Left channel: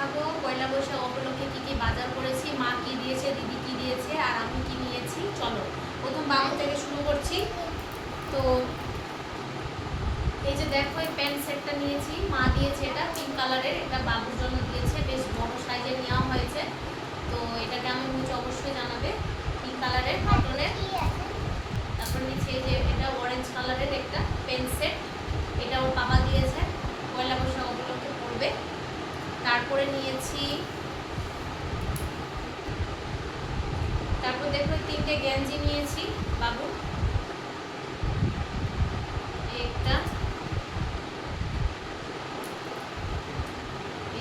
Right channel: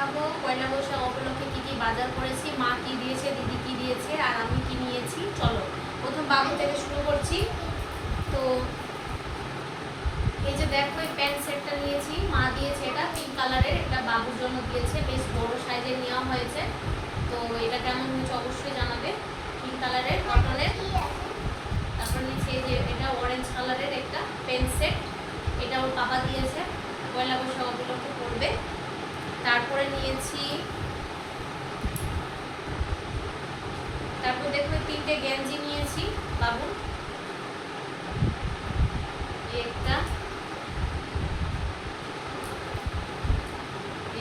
দেখাবো পয়লা বৈশাখ উপলক্ষে কি কি বাজার করেছি, মা কি দিয়েছে, দিদি কি দিয়েছে আর আমি কি নিয়েছি। চলো প্রথম বাবু থেকে শুরু করছি। তো এই যে দেখো এই প্যান্ট সেটটা নিয়েছি, মা দিয়েছে, এটা পিঙ্ক কালারের, এটা বাবুর জন্য দিয়েছে, বেশ বড় সাইজের নেওয়া হয়েছে। তো এটা কেমন হয়েছে অবশ্যই জানাবে। পিঙ্ক কালারের কটনের। তারপর নিচে এই যে এটা অরেঞ্জ কালারের একটা প্যান্ট সেট, এটা ওর বাবা দিয়েছে, পয়লা বৈশাখ উপলক্ষে পড়বে। তারপরে নিয়েছি, তারপর দেখো তিনটে গেঞ্জি নিয়েছি বাবু, একটা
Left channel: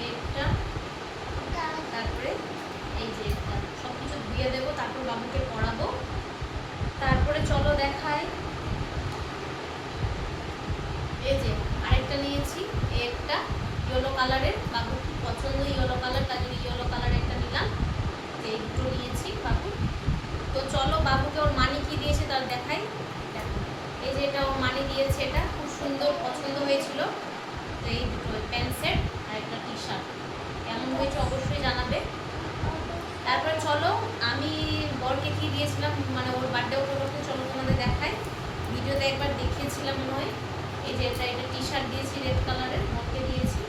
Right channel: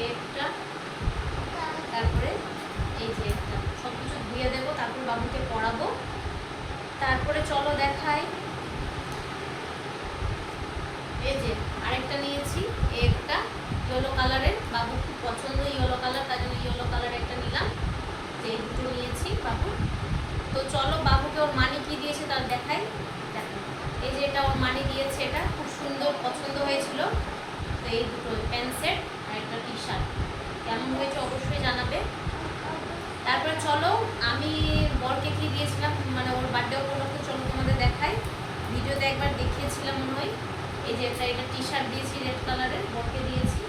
একটা তারপরে এই যে একটা, সব কিছু ধুয়ে দেবো তারপর বাবুকে পড়াবো। তারপরে চলো দেখাই, এই যে আরেকটা নিয়েছি, একটা ইয়েলো কালারের, বাবু খুব পছন্দ ইয়েলো কালার, তাই জন্য ইয়েলো কালার একটা নিলাম। এই দুটো নিয়েছি বাবু। তো চলো বাবুকে ওর মানি কি দিয়েছে তার দেখাই। দেখো এই যে এটা ওর মানি দিয়েছে, এটা খুব সুন্দর পছন্দ হয়েছিল। তো এই দুটো প্যান্ট সেট আর একটা টি শার্ট, কেমন হয়েছে অবশ্যই জানাবে। তারপরে চলো আমি বরকে কি দিয়েছিলাম, মানে ওর বার্থডে উপলক্ষে, চলো তোমাদের দেখাই। ভিডিওতে একবার দেখিয়েছিলাম মনে হয়। এই যে এটা টি শার্ট দিয়েছি রেড কালারের, বরকে দিয়েছি।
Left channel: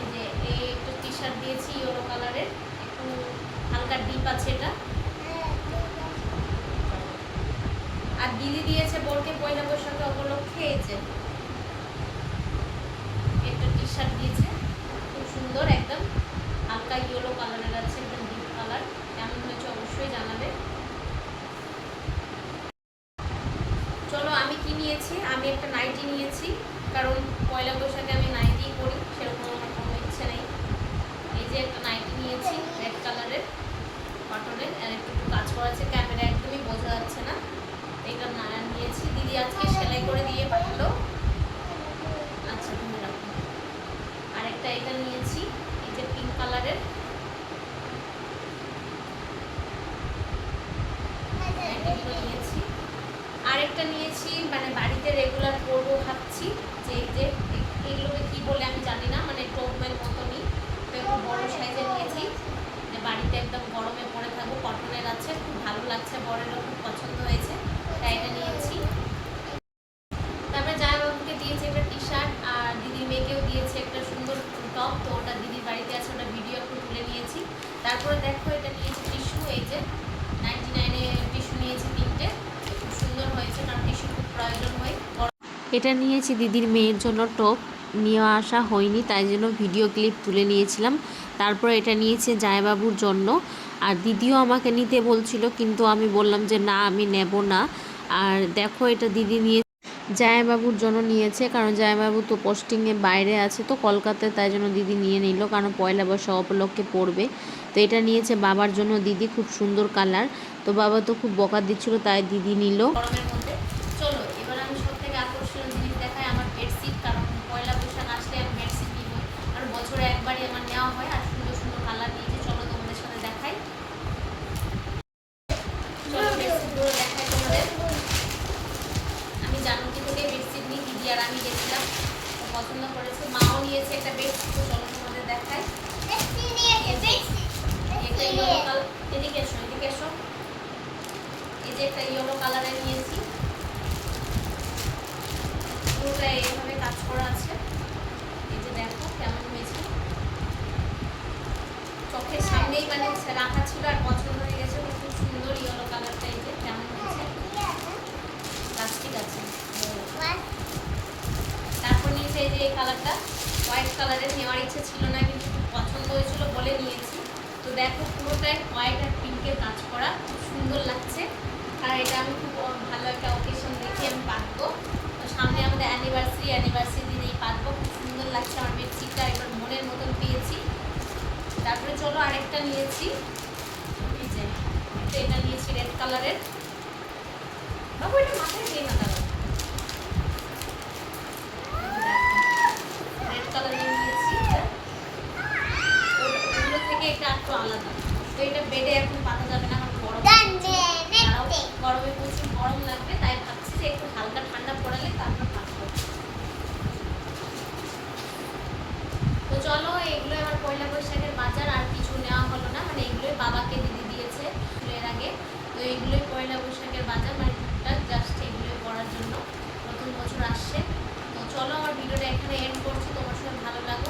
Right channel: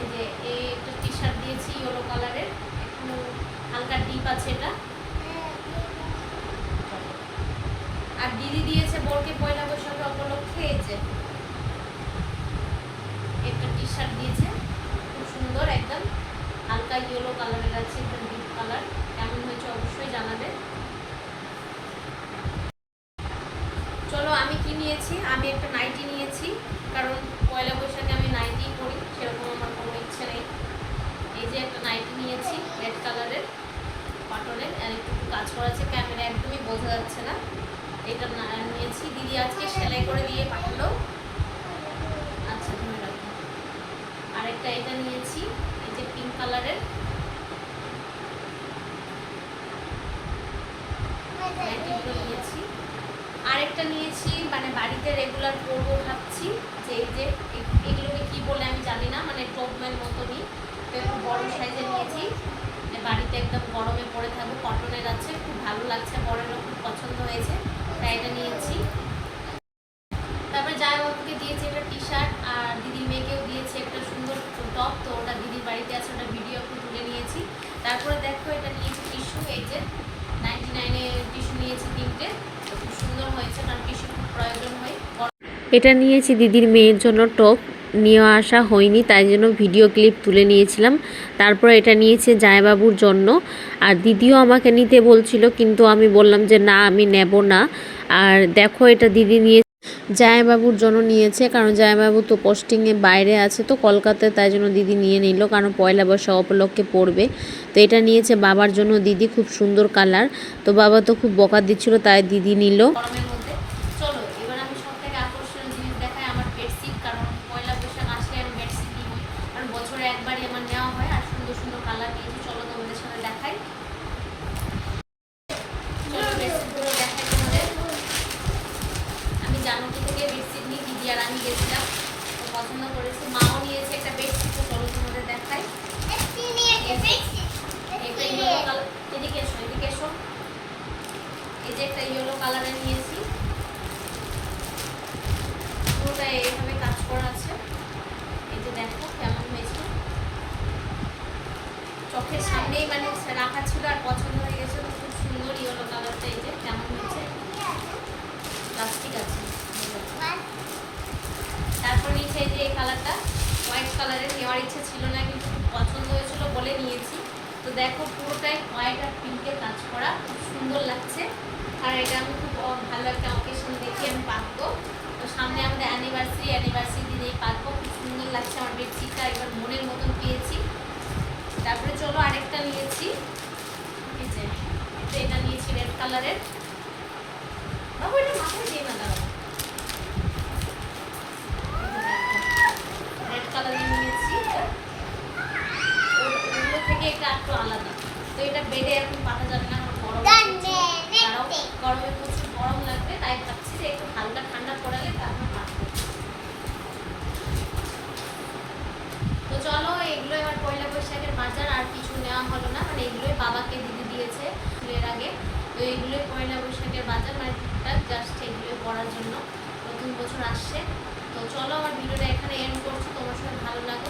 এই যে এই একটা টি শার্ট দিয়েছি ইয়েলো কালারের, একটু হালকা ডিপ আছে এটা। আর দিদি দিয়েছে বরকে পয়লা বৈশাখে উপলক্ষে এই যে একটা টি শার্ট দিয়েছে, খুব সুন্দর, একদম হালকা ইয়েলো কালারের আছে, একদম ডিপ কালার, কেমন হয়েছে অবশ্যই জানাবে। চলো আমি কি নিয়েছি, আমি একটা নাইটি নিয়েছি, কারণ পয়লা বৈশাখে আমি নাইটি পরি, সেরকম আমার কোনো ইচ্ছে নেই। এই যে একটা নাইটি নিয়েছি রেড কালারের কটনের, আর একটু কাজ করা আছে, ক্যামেরা একদমই বোঝা যাচ্ছে না। এটা নিয়েছি, দিদি আজকে সেলাই করে দিয়ে পাঠালো। আচ্ছা তুমি রাখো। আরেকটা এটা নিয়েছি, এই যে পিঙ্ক কালারের নাইটিগুলো নিয়েছি। আরেকটা নিয়েছি, মানে বাড়িতে রেগুলার পরবো ভাবছি, যে এই যে এগুলোকে কি বলে আমি জানি না, মানে টপম্যান মতনই, তো একটু বড় সাইজের নিয়েছি, যে বাড়িতে একদম গরমে পরে থাকবো, কটনের আছে, খুব ভালো লাগছে, বরেরও খুব পছন্দ হয়েছে, তাই এটা নিয়েছি। তারপরে জামাইবাবুকে দিয়েছে একটা টি শার্ট, আর দিদির মেয়েকেও দিয়েছে একটা সুন্দর টপ, তো ওটা দিদির বাড়িতে আছে, ওটা ভিডিও একটু তুলে নিয়েছি। তারপরে দেখো এটা নিয়েছি টিস্যু, এই যে 99-এ টিস্যু নিয়েছি তিনটে, খুব সুন্দর হয়েছে, কারণ টিস্যু খুব প্রয়োজন হয়। এটা নিয়েছি দিদির মেয়ের জন্য টপ, নিয়ে আসা হয়নি তাই জন্য ভিডিও ক্লিপ তুলে নিয়েছিলাম। তারপর এটা নিয়েছে জামাইবাবুর জন্য, আর দিদিও আমাকে নিতে বলছিল, কিন্তু আমি বললাম যে না আমি নেব না। আর দেখো এটা দিদি নিয়ে জামাইবাবুর জন্য নিয়েছে, কারণ জামাইবাবু তো পোস্টিংয়ে বাইরে আছে, তো কলকাতায়, তাই জন্য দিদি নিয়ে নিল, কারণ পয়লা বৈশাখ উপলক্ষে পড়বে। তো এটা নিয়েছে বাবার জন্য দিদি, খুব সুন্দর কালার, তো বাবা তো খুব বকা দিচ্ছিল, তাই দিদি নিল। গরমের মধ্যে চলো এবার আমি সব থেকে আকর্ষণীয় জিনিস দেখাই, আমার বেডশিট, কারণ পয়লা বৈশাখ আসলে আমি বেডশিট নিই, কারণ বছরে একবারই আমার নেওয়া হয়, আর সুন্দর সুন্দর কালার নিয়েছি, চলো তোমাদের সাথে দেখাই। চলো বেডশিটগুলো দেখাই তোমাদের। আমি জানুকি থেকে বেডশিট নিই, দিদি আর আমি গেছিলাম, তো পছন্দ করেছে, মাও নিয়েছে একটা বেডশিট, তো চলো তোমাদের দেখাই। একটা ইয়েলো কালার, এদিকে এসো এদিকে এসো, এই যে একটা ইয়েলো কালারের নিয়েছি, পুরোটা এইভাবে কাজ করা আছে, এই যে দেখো কেমন হয়েছে, চোখের সামনেই মানে রাখা ছিল আর পছন্দ হয়ে গেছে, তো খুব সুন্দর ইয়েলো কালারটা, এই যে কেমন হয়েছে, প্লাস্টিক আছে। তারপর নিচে এই যে এই কালারটা হোয়াইট কালারের, নেওয়ার ইচ্ছে ছিল না, কিন্তু খুব পছন্দ হয়েছিল বলে নিয়েছি। তো দেখো পুরোটাই হোয়াইট আর পিঙ্কের কাজ করা, খুব সুন্দর লাগছে, আর এটা আমি খুব ভালো একটা অকেশন দেখি আমি পাতবো, তো সামনে আমাদের অ্যানিভার্সারি দিনেই পাতবো, খুব সুন্দর লাগছে আমার বেডশিটটা, একবার মনের মতন পেয়েছি। তারপরে চলো আরেকটা নিয়েছি, এই যে এটা নিয়েছি রেড কালারের, বাবু এটা মাথায় দিয়ে না, দাঁড়াও, রেড কালারের নিয়েছি, ওগুলো থেকে এটা একটু আলাদা, তো এটা বেডে এখন পাতা যাবে না, কারণ গরমে প্রচুর গরম লাগবে, তাই ভাবছি যে একটু হালকা ঠান্ডা পড়ালে তারপর পাতবো। পয়লা বৈশাখের বাজার, আর কিছু নেওয়া হলো না, মানে এগুলোই বাবাকে দিদি দিয়েছে এর আগে। তো এইগুলোই পয়লা বৈশাখের বাজার, মানে টুকটাক জাস্ট এগুলোই পড়ার জন্য, নতুন বছর আসছে। তো চলো আমার ভিডিওটা এখানে এন্ড করছি, তোমার সঙ্গে ভালো লাগো।